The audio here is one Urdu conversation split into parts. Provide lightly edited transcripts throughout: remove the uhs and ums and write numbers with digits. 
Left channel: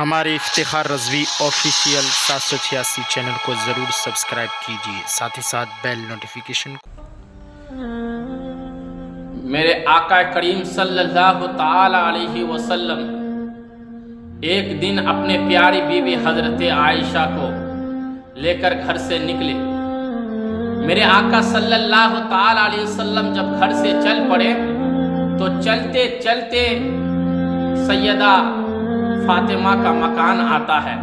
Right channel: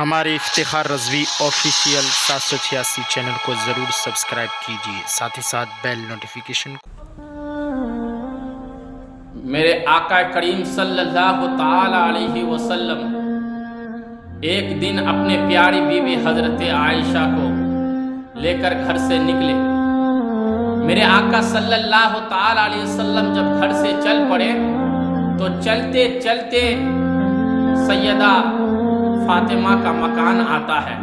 ہمارے افتخار رضوی آفیشیل 786 چینل کو ضرور سبسکرائب کیجیے، ساتھ ہی ساتھ بیل نوٹیفیکیشن کو۔ میرے آقا کریم صلی اللہ تعالی علیہ وسلم ایک دن اپنے پیاری بیوی حضرت عائشہ کو لے کر گھر سے نکلے۔ میرے آقا صلی اللہ تعالی علیہ وسلم جب گھر سے چل پڑے تو چلتے چلتے سیدہ فاطمہ کا مکان آتا ہے۔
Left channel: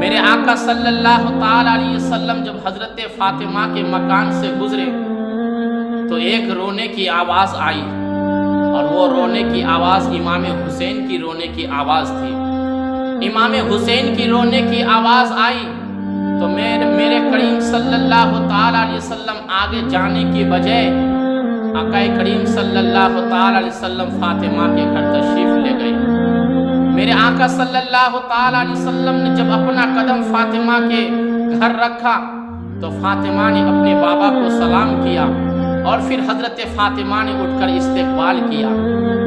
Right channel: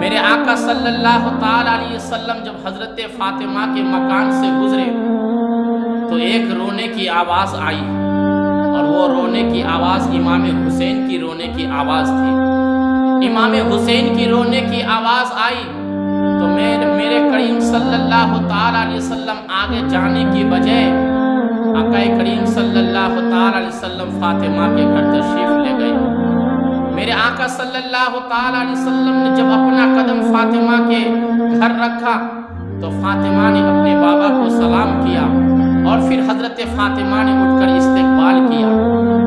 میرے آقا صلی اللہ تعالی علیہ وسلم جب حضرت فاطمہ کے مکان سے گزرے تو ایک رونے کی آواز آئی، اور وہ رونے کی آواز امام حسین کی رونے کی آواز تھی۔ امام حسین کی رونے کی آواز آئی تو میرے کریم صلی اللہ تعالی علیہ وسلم آگے جانے کی بجائے آقا کریم صلی اللہ تعالی علیہ وسلم فاطمہ کے گھر تشریف لے گئے۔ میرے آقا صلی اللہ تعالی علیہ وسلم نے جب اپنا قدم فاطمہ کے گھر رکھا تو فاطمہ نے اپنے بابا کو سلام کیا، اور پھر حضرت فاطمہ نے اٹھ کر استقبال کیا۔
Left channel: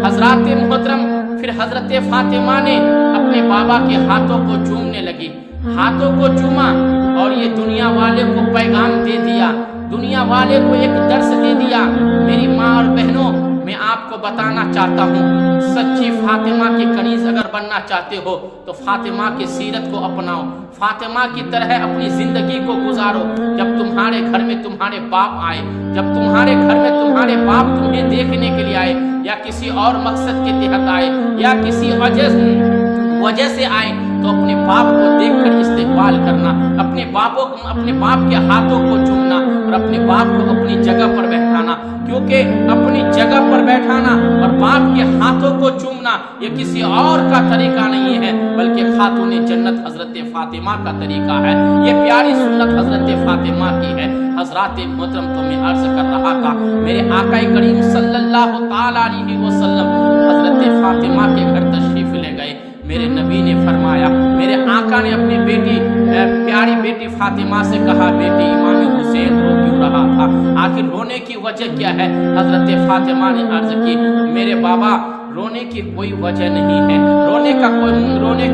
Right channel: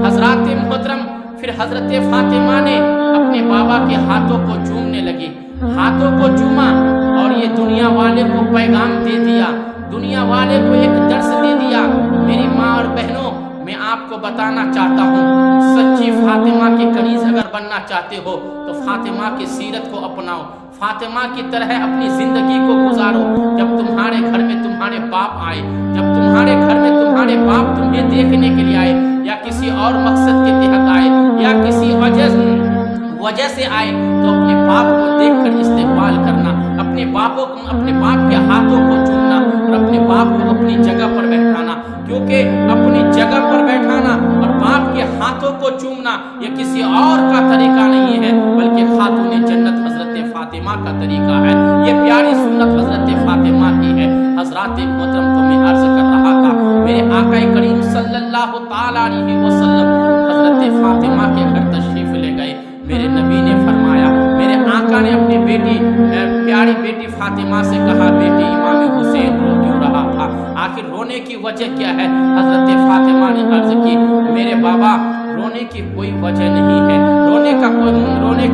حضرات محترم، پھر حضرت فاطمہ نے اپنے بابا کے ہاتھوں کو چومنے لگی، ہاتھوں کو چوما، اور یہ دنیا والے کو پیغام دے دیا، دنیا والے کو ایک درس دے دیا۔ میری ماں اور بہنوں، میں آپ کو بتانا چاہتا ہوں، سچی فاطمہ کی کنیز اگر بننا چاہتے ہو تو فاطمہ کی سیرت کو اپناؤ، فاطمہ کی طرح اپنی زندگی کو گزارو۔ جب تمہارے گھر میں تمہارے باپ آئے، جب تمہارے گھر میں تمہارے باپ تمہیں دیکھنے کے لیے آئے، یا کسی اور مقصد کے تحت آئے، یا کسی وجہ سے آئے، تو اپنے باپ کو دیکھ کر استقبال کرنا، اپنے باپ کے ہاتھوں کو چومنا، اور اپنے باپ کو اپنی جگہ پر بیٹھانا، کیونکہ اپنی جگہ پر بیٹھانا اور باپ کے ہاتھوں کو چومنا یہ کسی اور کا طریقہ نہیں ہے، بلکہ خاتون جنت حضرت فاطمہ کا طریقہ ہے۔ یہ پیاری سنت حضرت فاطمہ کی ہے۔ حضرات محترم، تو میں عرض کر رہا تھا، میرے آقا کریم صلی اللہ تعالی علیہ وسلم حضرت فاطمہ کے گھر تشریف لے گئے۔ میرے نبی نے فرمایا، میرے آقا نے اپنی پیاری بیٹی فاطمہ سے کہا، بیٹی امام حسین رو کیوں رہا تھا؟ آخر رونے کی وجہ کیا ہے؟ حضرت فاطمہ نے عرض کی، میرے بابا رونے کی کوئی وجہ نہیں ہے، رونے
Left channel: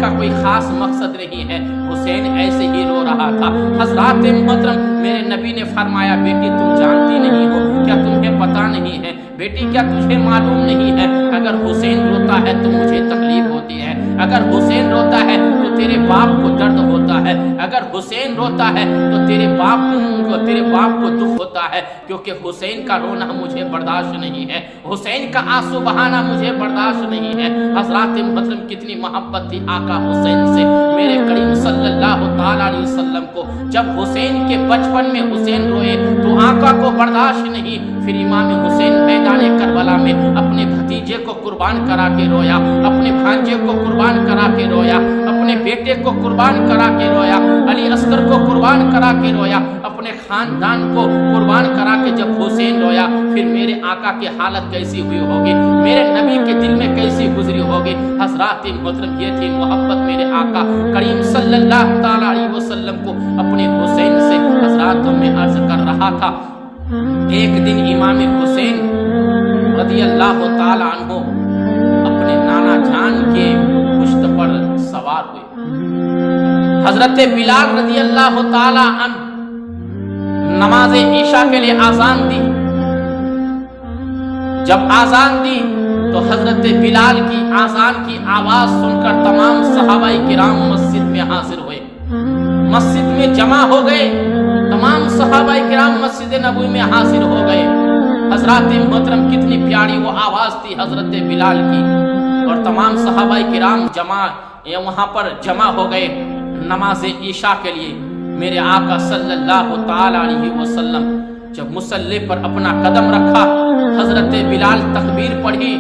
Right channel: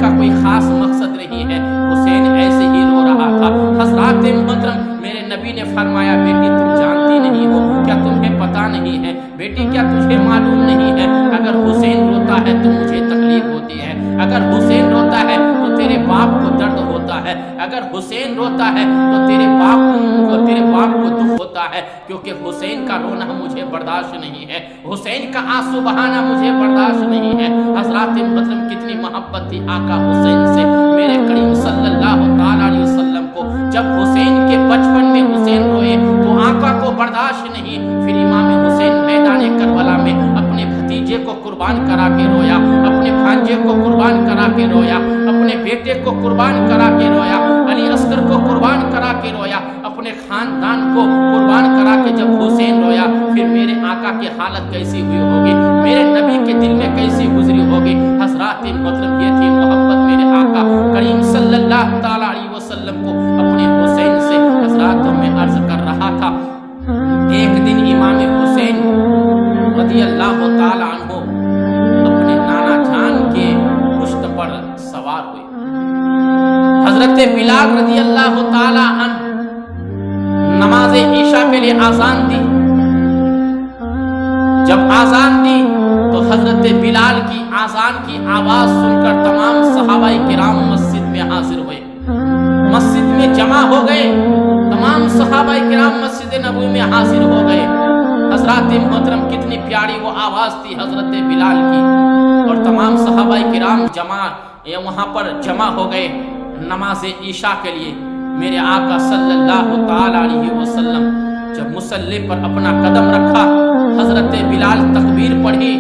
کا کوئی خاص مقصد نہیں ہے، حسین ایسے ہی رو رہا تھا۔ حضرات محترم، میرے نبی نے فرمایا، بیٹی تم جانتی نہیں ہو کیا؟ تمہیں پتہ نہیں ہے بیٹی؟ کیا تجھے معلوم نہیں ہے اگر حسین روتا ہے تو مجھے تکلیف ہوتی ہے، اگر حسین روتا ہے تو تیرے باپ کو درد ہوتا ہے، اگر حسین روتا ہے تو تیرے باپ کو دکھ ہوتا ہے، کیونکہ حسین کا رونا مجھے برداشت نہیں ہے، حسین کا آنسو بہانا مجھے برداشت نہیں ہے۔ حضرات محترم، کتنی محبت تھی آقا حسین سے میرے کریم صلی اللہ تعالی علیہ وسلم کو۔ جب حسین کے بچپن میں حسین روئے تو آقا کو برداشت نہیں، پھر امام حسین میدان کربلا میں اپنے بھتیجے کو قربان کرا کے رویا، اپنے بھانجے کو قربان کرا کے رویا، اپنے بیٹے کو قربان کرا کے رویا، علی اصغر کو قربان کرا کے رویا، اپنے خاندان کو قربان کرا کے جب حسین رویا، پھر میرے آقا کی حالت کیسی ہوئی ہوگی، میرے نبی کے دل میں کیسی گزری ہوگی۔ حضرات محترم، یہ تھی محبت میرے آقا کریم صلی اللہ تعالی علیہ وسلم کو اپنے حسین سے۔ حضرات، میں عرض کر رہا تھا، ایک دن امام حسین رضی اللہ تعالی عنہ اپنے نانا جان کے پشت پر سوار ہوئے۔ حضرت بلال رضی اللہ تعالی عنہ نماز عشاء کے لیے آذان دی۔ جب آذان دی تو حضرت بلال کی آذان کی آواز سن کر تمام صحابہ کرام مسجد میں حاضر ہوئے، مسجد میں جمع ہو گئے، تمام صحابہ کرام مسجد نبوی میں حاضر ہو گئے۔ حضرات محترم، کتنی پیاری وہ آواز تھی حضرت بلال کی، اور تمام صحابہ کرام وہاں پر جمع ہو گئے نماز عشاء کے لیے۔ میرے آقا صلی اللہ تعالی علیہ وسلم جب مصلی پر اپنا قدم رکھا، حضرت بلال تکبیر پڑھی،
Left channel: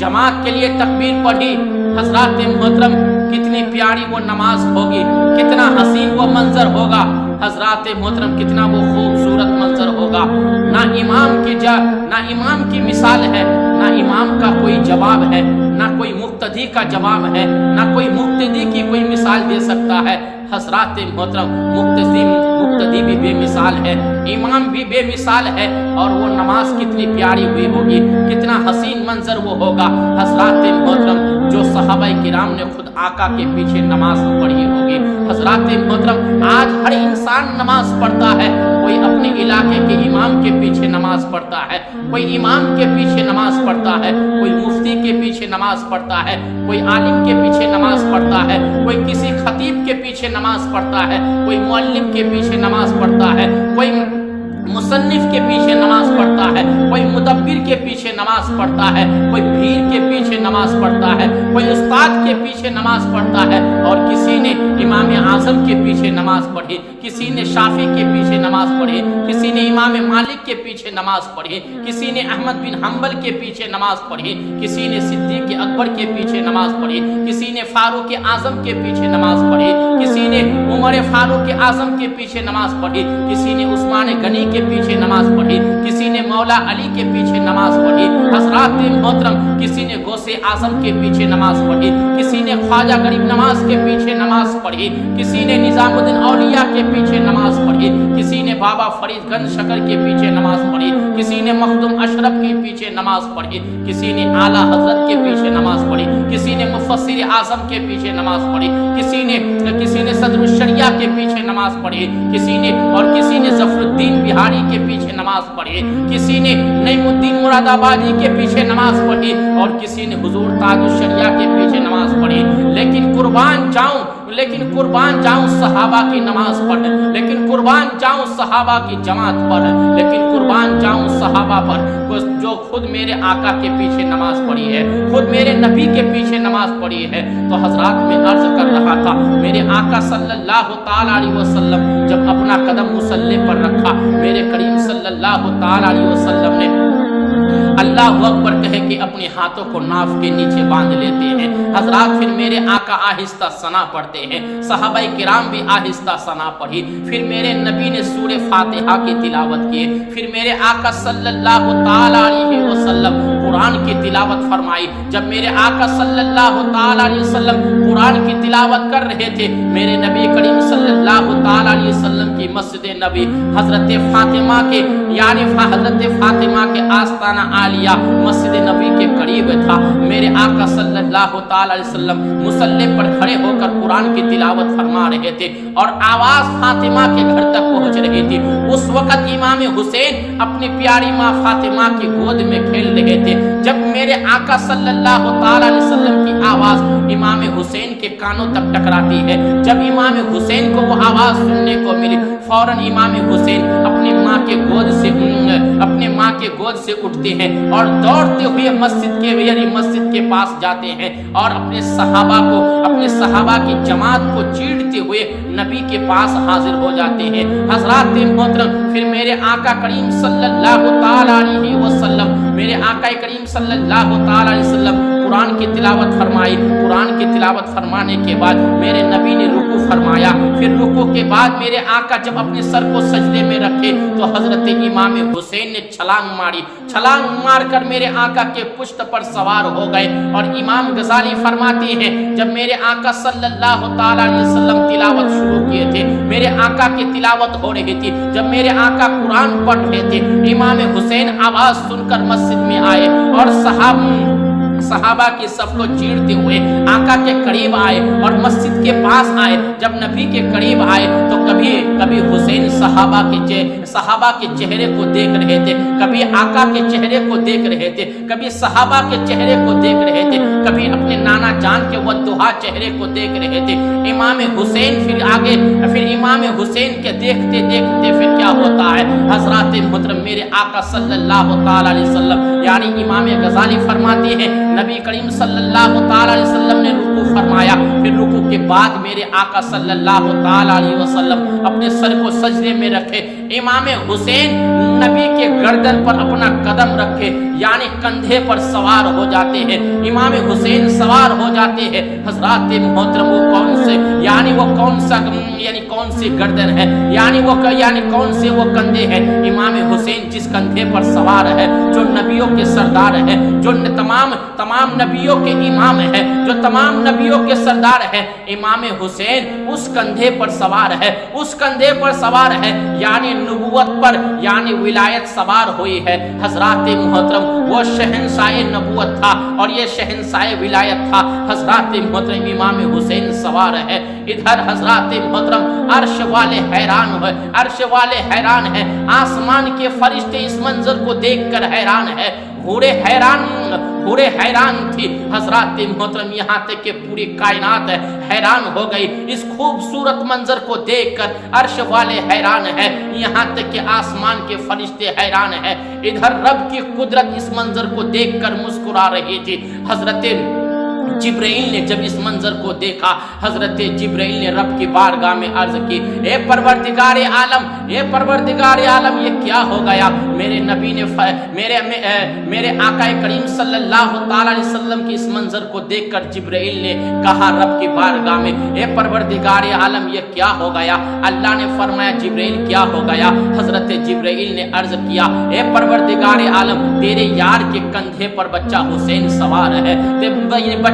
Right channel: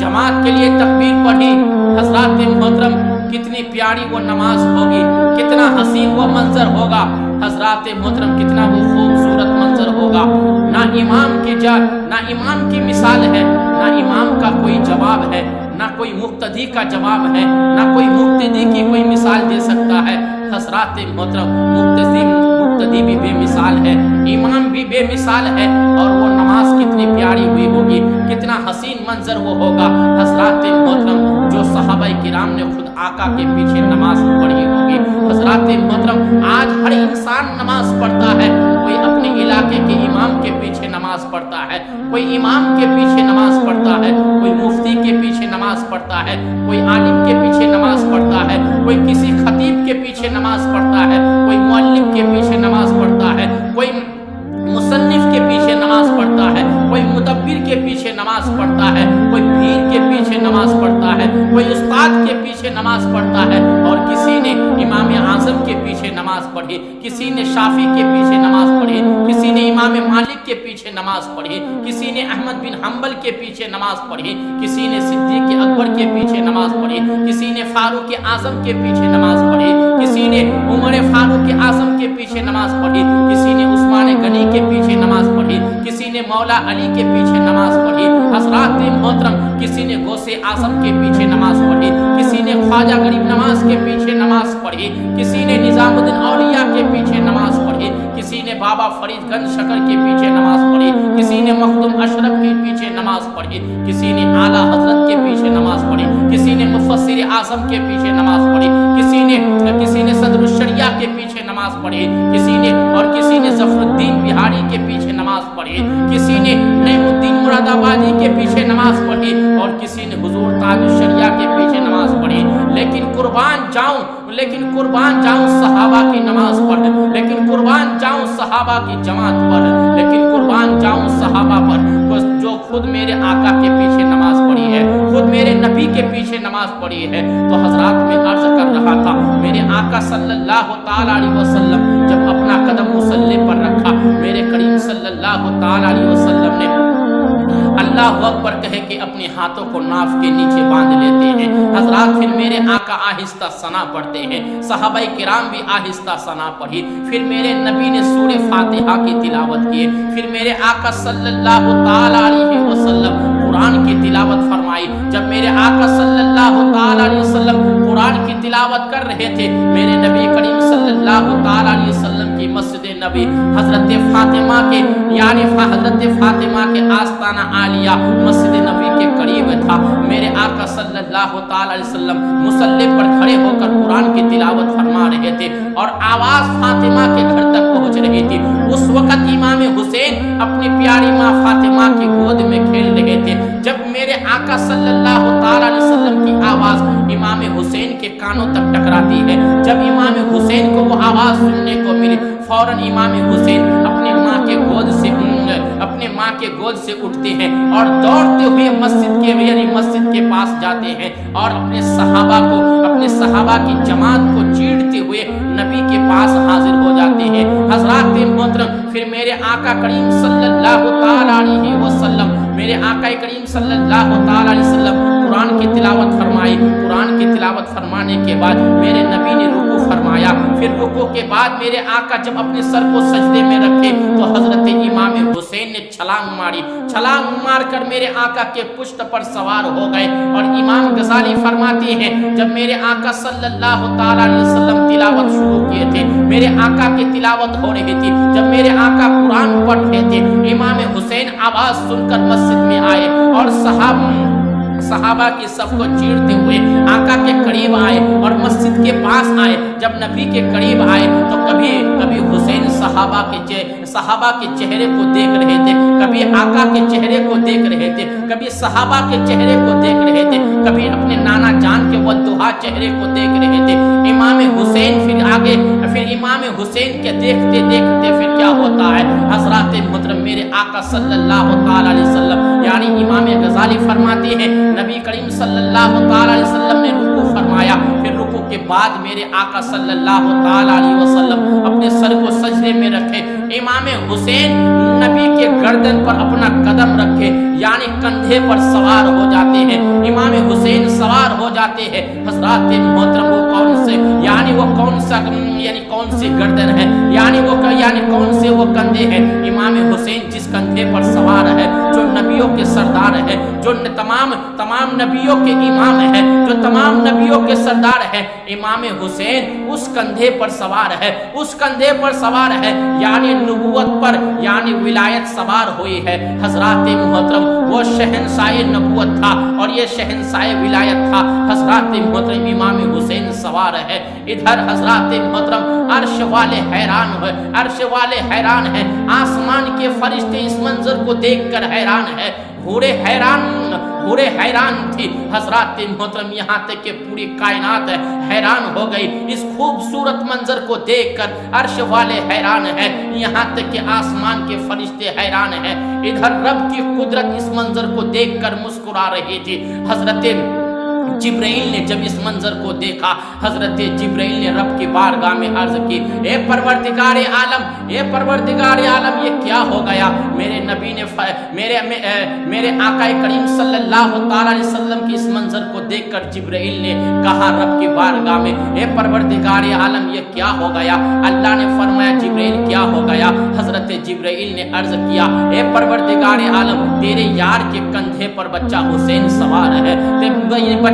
جماعت کے لیے تکبیر پڑھی۔ حضرات محترم، کتنی پیاری وہ نماز ہوگی، کتنا حسین وہ منظر ہوگا۔ حضرات محترم، کتنا وہ خوبصورت منظر ہوگا۔ نہ امام کی مثال ہے، نہ امام کا کوئی جواب ہے، نہ کوئی مقتدی کا جواب ہے، نہ کوئی مقتدی کی کوئی مثال دے سکتا ہے۔ حضرات محترم، مقتدی بھی بے مثال ہے، امام بھی بے مثال ہے، اور وہ نماز کتنی پیاری ہوئی ہوگی، کتنا حسین منظر وہ ہوگا۔ حضرات محترم، جو صحابہ کرام نے خود آقا کے پیچھے نماز پڑھی ہوگی۔ حضرات محترم، آج ہر انسان نماز پڑھتا ہے، کوئی اپنے علاقے کے امام کے پیچھے نماز پڑھتا ہے، کوئی امام کے پیچھے نماز پڑھتا ہے، کوئی مفتی کے پیچھے نماز پڑھتا ہے، کوئی عالم کے پیچھے نماز پڑھتا ہے، کوئی کسی خطیب کے پیچھے نماز پڑھتا ہے، کوئی معلم کے پیچھے نماز پڑھتا ہے، کوئی مصنف کے پیچھے نماز پڑھتا ہے، کوئی مدبر کے پیچھے نماز پڑھتا ہے، کوئی پیر کے پیچھے نماز پڑھتا ہے، کوئی استاد کے پیچھے نماز پڑھتا ہے، اور کسی نے امام اعظم کے پیچھے نماز پڑھی، کسی نے شافعی کے پیچھے نماز پڑھی، کسی نے امام مالک کے پیچھے نماز پڑھی، کسی نے احمد بن حنبل کے پیچھے نماز پڑھی، کسی نے صدیق اکبر کے پیچھے نماز پڑھی، کسی نے فاروق اعظم کے پیچھے نماز پڑھی، کسی نے عمر فاروق اعظم کے پیچھے نماز پڑھی، کسی نے عثمان غنی کے پیچھے نماز پڑھی، کسی نے مولا علی کے پیچھے نماز پڑھی۔ حضرات محترم، کسی نے غوث اعظم کے پیچھے نماز پڑھی، کسی نے خواجہ غریب نواز کے پیچھے نماز پڑھی، کسی نے نظام الدین اولیاء کے پیچھے نماز پڑھی، کسی نے بابا فرید گنج شکر کے پیچھے نماز پڑھی، کسی نے مخدوم اشرف کے پیچھے نماز پڑھی، کسی نے اعلیٰ حضرت کے پیچھے نماز پڑھی، کسی نے مفسر اعظم کے پیچھے نماز پڑھی، کسی نے صدر الشریعہ کے پیچھے نماز پڑھی، کسی نے ظفر الدین بہاری کے پیچھے نماز پڑھی، کسی نے نعیم الدین مراد آبادی کے پیچھے نماز پڑھی، اور کسی نے حضور تاج الشریعہ کے پیچھے نماز پڑھی۔ لیکن قربان جاؤں صحابہ کی نماز پڑھ، لیکن قربان جاؤں صحابہ کی جماعت پر، لیکن قربان جاؤں صحابہ پر جو خود میرے آقا کے پیچھے نماز پڑھی ہے، خود میرے نبی کے پیچھے نماز پڑھی ہے۔ تو حضرات میں عرض کر رہا تھا، میرے آقا صلی اللہ تعالی علیہ وسلم جب اپنا قدم مصلی پر رکھا، میرے کریم صلی اللہ تعالی علیہ وسلم نے اللہ اکبر کہے کہ اپنے ہاتھوں کو ناف کے نیچے باندھ لیتے ہیں۔ حضرات پھر میرے آقا آہستہ ثنا پڑھتے ہیں، صحابہ کرام بھی آہستہ ثنا پڑھی، پھر میرے نبی نے سورہ فاتحہ کی تلاوت کی، پھر میرے آقا صلی اللہ تعالی علیہ وسلم قرآن کی تلاوت فرمائی۔ جب میرے آقا صلی اللہ تعالی علیہ وسلم قرآن کی تلاوت کر رہے تھے، میرے نبی کریم صلی اللہ تعالی علیہ وسلم کی مسجد نبی حضرت فاطمہ کے آستانہ عالیہ مسجد نبی کے قریب تھا۔ میرے آقا صلی اللہ تعالی علیہ وسلم مصلی پر کھڑے ہو کر قرآن کی تلاوت فرما رہے تھے، اور آواز فاطمہ کے گھر تک پہنچ رہی تھی۔ اس وقت امام حسین اپنی پیاری ماں فاطمہ کی گود میں کھیل رہے تھے۔ جب میرے آقا صلی اللہ تعالی علیہ وسلم کی آواز امام حسین کے کانوں تک ٹکراتی ہے، جب امام حسین کو وہ آواز سننے کو ملی، فوراً امام حسین اپنی ماں کے گود سے اٹھتے ہیں اور دوڑتے ہوئے مسجد کے پاس جاتے ہیں، اور اپنے صحابہ کی جماعت کو چیڑتے ہوئے نبی کے پاس حاضر ہو جاتے ہیں۔ حضرات محترم، پھر میرے آقا کریم صلی اللہ تعالی علیہ وسلم قرآن کی تلاوت فرمائی۔ قرآن کی تلاوت فرمانے کے بعد میرے نبی نے رکوع فرمایا، پھر رکوع کے بعد میرے آقا جب اپنے سر کو سجدے میں رکھے تو حضرت امام حسین نے چھلانگ مار کر میرے آقا کے پشت پر سوار ہو گئے۔ اور امام غزالی فرماتے ہیں، جب میرے آقا صلی اللہ تعالی علیہ وسلم تلاوت شروع کیے تھے، میرے آقا کی تلاوت ہو رہی تھی، جب میرے آقا قرآن پڑھ رہے تھے، امام حسین آواز سن کر مسجد میں آئے اور صحابہ کی صف کو چیرتے ہوئے آقا کے قریب آئے اور مسجد کے پاس آئے۔ جب نبی کے قریب آئے تو کبھی حسین صحابہ کے چہرے کو دیکھ رہے تھے، کبھی آقا کے چہرے کو دیکھ رہے تھے، کبھی صحابہ کے چہرے کو دیکھ رہے تھے، کبھی اپنے نانا جان کے والدہا چہرے کو دیکھ رہے تھے۔ امام حسین پھر امام حسین کے دیکھتے پھر کیا ہوتا ہے؟ حضرات محترم، میرے آقا صلی اللہ تعالی علیہ وسلم یعنی امام غزالی فرماتے ہیں، نبی کریم صلی اللہ تعالی علیہ وسلم نے رکوع فرمایا، پھر رکوع کے بعد میرے آقا صلی اللہ تعالی علیہ وسلم اپنے سر کو سجدے میں رکھے، امام حسین نبی کے گردن پر اپنا قدم رکھے، یعنی کندھے پر سوار ہو جاتے ہیں، امام حسین سوار ہو جاتے ہیں۔ حضرات محترم وہ کون سے یعنی وہ کون سا یعنی کون سی گردن ہے، یعنی کون سے وہ کندھے ہیں؟ امام حسین جس کندھے پر سوار ہے، جو نبیوں کے سردار ہے، جو تمام نبیوں کے امام ہے، جو تمام نبیوں کے سردار ہے، امام حسین اس کندھے پر سوار ہے، اس کندھے پر سوار ہے، یعنی نبوت پر یعنی ولایت سوار ہوئی ہے۔ حضرات محترم وہ شہنشاہ نبوت تھا اور یہ شہنشاہ ولایت تھا۔ حضرات محترم امام حسین سوار ہے، ادھر حضرات محترم عرش والے حیران ہیں، آسمان کے فرشتے اس منظر کو دیکھ کر حیران ہے، حورے حیران تھی۔ حضرات محترم یہاں تک کہ پوری کائنات حیران ہو گئی اس خوبصورت منظر کو دیکھ کر، عرش والے حیران ہیں، یہاں تک کہ آسمان کے فرشتے حیران ہیں۔ ادھر رب کی قدرت اس منظر کو دیکھ کر مسکرا رہی تھی۔ حضرت جبرائیل نے جب اس منظر کو دیکھا، حضرت جبرائیل نے رب کی بارگاہ میں عرض کی، اے پروردگار عالم یہ کیا ہو گیا؟ میرے نبی نے میرے آقا کریم صلی اللہ تعالی علیہ وسلم کی اس منظر کو دیکھ کر جبرائیل نے کہا رب کی بارگاہ میں، اے پروردگار عالم یہ کیا ہو گیا؟ اللہ نے فرمایا جبرائیل کیا ہو گیا؟ حضرت جبرائیل نے عرض کیا، اے پروردگار عالم تیرے یار کے کندھے پر بچہ حسین سوار ہے،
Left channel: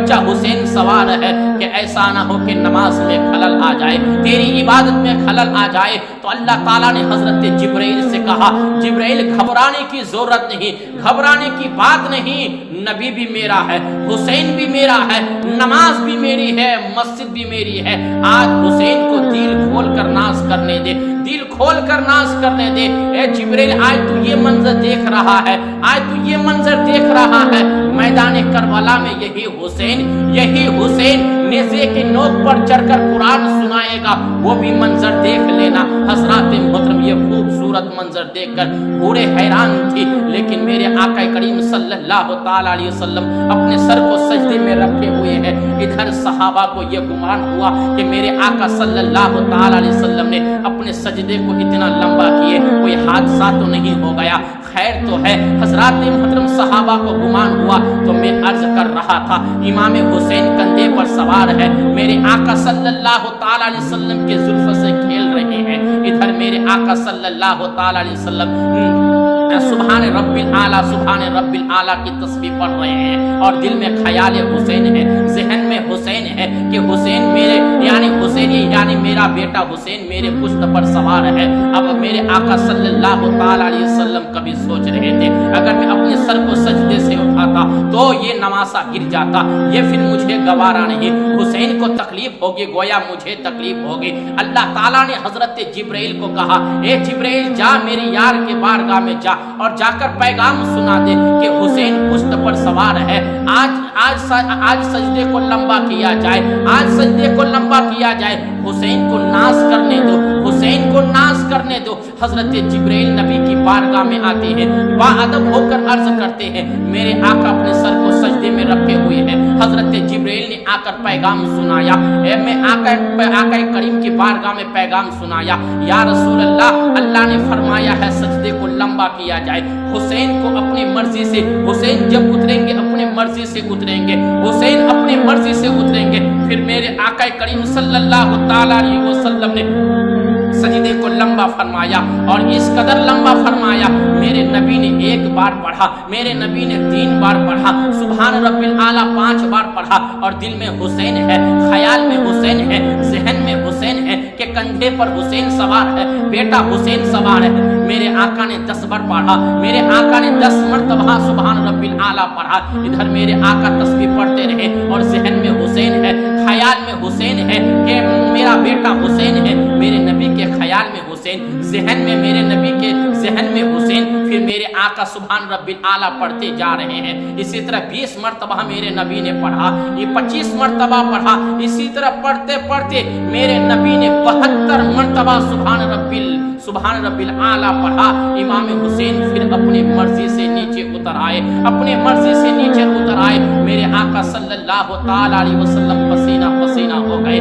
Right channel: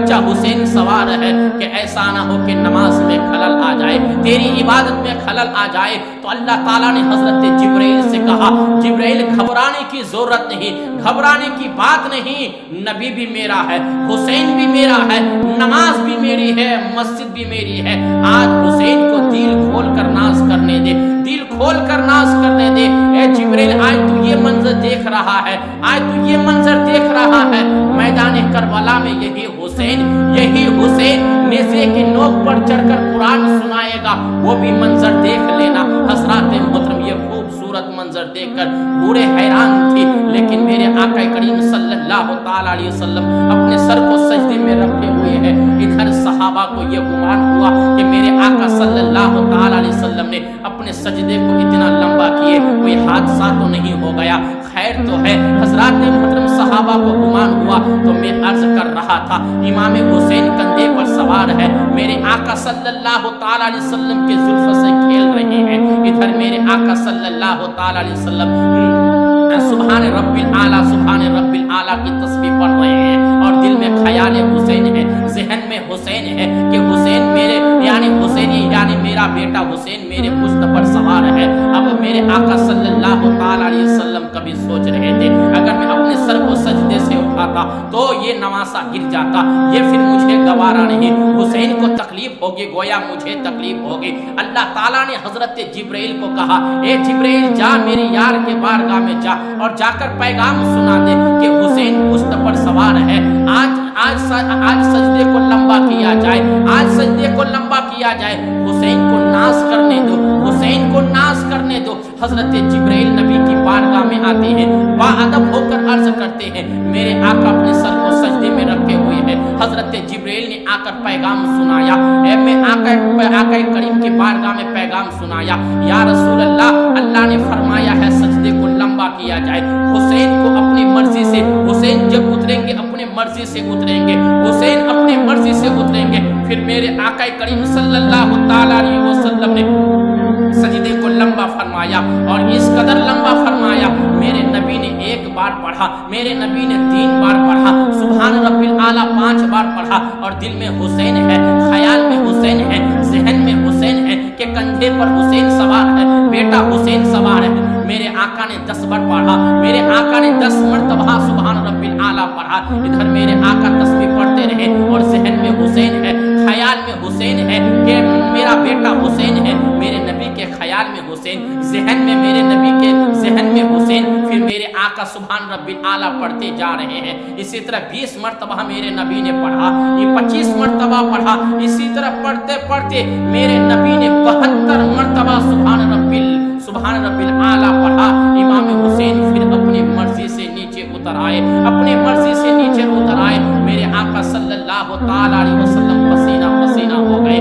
بچہ حسین سوار ہے، کہ ایسا نہ ہو کہ نماز میں خلل آ جائے، تیری عبادت میں خلل آ جائے۔ تو اللہ تعالیٰ نے حضرت جبرائیل سے کہا، جبرائیل گھبرانے کی ضرورت نہیں، گھبرانے کی بات نہیں، نبی بھی میرا ہے، حسین بھی میرا ہے، نماز بھی میری ہے، مسجد بھی میری ہے۔ آج حسین کو دل کھول کر ناز کرنے دے، دل کھول کر ناز کرنے دے۔ اے جبرائیل آج تو یہ منظر دیکھ رہا ہے، آج تو یہ منظر دیکھ رہا ہے، میدان کربلا میں یہی حسین نیزے کی نوک پر چڑھ کر قرآن سنائے گا، وہ بھی منظر دیکھ لینا۔ حضرات محترم یہ خوبصورت منظر دیکھ کر پورے حیران تھی، لیکن میرے آقا کریم صلی اللہ تعالی علیہ وسلم اپنے سر کو سجدے میں رکھے ہوئے ہیں۔ ادھر صحابہ کو یہ گمان ہوا کہ میرے آقا صلی اللہ تعالی علیہ وسلم نے اپنے سجدے کو اتنا لمبا کیے، کوئی حادثہ تو نہیں ہو گیا، خیر تو ہے۔ حضرات محترم صحابہ کو گمان ہوا، تو میں عرض کر رہا تھا امام حسین کندھے پر سوار ہے، میرے آقا صلی اللہ تعالی علیہ وسلم کے زلف سے کھیل رہے ہیں۔ ادھر میرے آقا صلی اللہ تعالی علیہ وسلم سبحان رب العالی کی تسبیح پڑھ رہے ہیں، اور دل میں خیال حسین ہے، ذہن میں حسین ہے کہ حسین میرے یعنی میرا بیٹا حسین میرے پشت پر سوار ہے۔ اب میرے آقا صلی اللہ تعالی علیہ وسلم کبھی سوچ رہے تھے اگر میں اپنے سر کو سجدے سے اٹھاتا تو یہ نواسا گر جاتا، یہ پھر مجھے گوارا نہیں، حسین کو تکلیف ہوگی، گویا مجھے تکلیف ہوگی۔ اللہ تعالیٰ نے حضرت جبرائیل کو کہا، اے جبرائیل جا میرے یار کے بارگاہ میں جا اور جا کر پیغام سنا دے کہ حسین پشت پر سوار ہے، آج سجدے کو لمبا کیا جائے، آج سجدے کو لمبا کیا جائے، حسین کو ناز کرنے دو، حسین کو ناز کرنے دو۔ حضرت جبرائیل نبی کی بارگاہ میں آتے ہیں، باادب ہو کر عرض کرتے ہیں، میرے آقا اپنے سر کو سجدے میں رکھے ہوئے ہیں۔ حضرت جبرائیل نے آ کر پیغام سنایا، میں آقا کریم کی بارگاہ میں پیغام سنایا، یا رسول اللہ، اللہ نے فرمایا ہے سجدے کو لمبا کیا جائے، حسین کو اپنی مرضی سے، حسین جب اتریں گے اپنے مرضی سے اتریں گے، حسین اپنی مرضی سے اتریں گے۔ پھر میرے آقا کریم صلی اللہ تعالی علیہ وسلم نے سجدے کو لمبا فرمایا، اور اس قدر لمبا فرمایا، میرے نبی نے 1 بار پڑھا، میرے نبی نے 3 بار پڑھا، سبحان رب العالی 5 بار پڑھا، اور دل میں حسین ہے، خیال میں حسین ہے، ذہن میں حسین ہے کہ کندھے پر حسین سوار ہے، بیٹا حسین سوار ہے۔ میرے آقا نے 10 بار پڑھا، میرے آقا نے 10 مرتبہ سبحان رب العالی پڑھا۔ ادھر میرے آقا تسبیح پڑھتے رہے، اور ذہن میں حسین ہے، خیال میں حسین ہے کہ میرا بیٹا حسین ہے، میرے نبی کے خیال میں حسین، ذہن میں میرے نبی کے ذہن میں حسین۔ پھر میرے آقا سبحان رب العالی پڑھتے جا رہے ہیں، اسی طرح 20 مرتبہ میرے نبی نے پڑھا، یہ 25 مرتبہ پڑھا، اسی طرح پڑھتے پڑھتے میرے نبی نے 72 مرتبہ سبحان رب العالی پڑھا۔ امام حسین پھر اپنی مرضی سے نیچے اتر آئے، اپنی مرضی سے نیچے اتر آئے۔ میرے آقا صلی اللہ تعالی علیہ وسلم پسینہ پسینہ ہو گئے،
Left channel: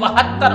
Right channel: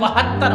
72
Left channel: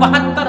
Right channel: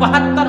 72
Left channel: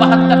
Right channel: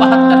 72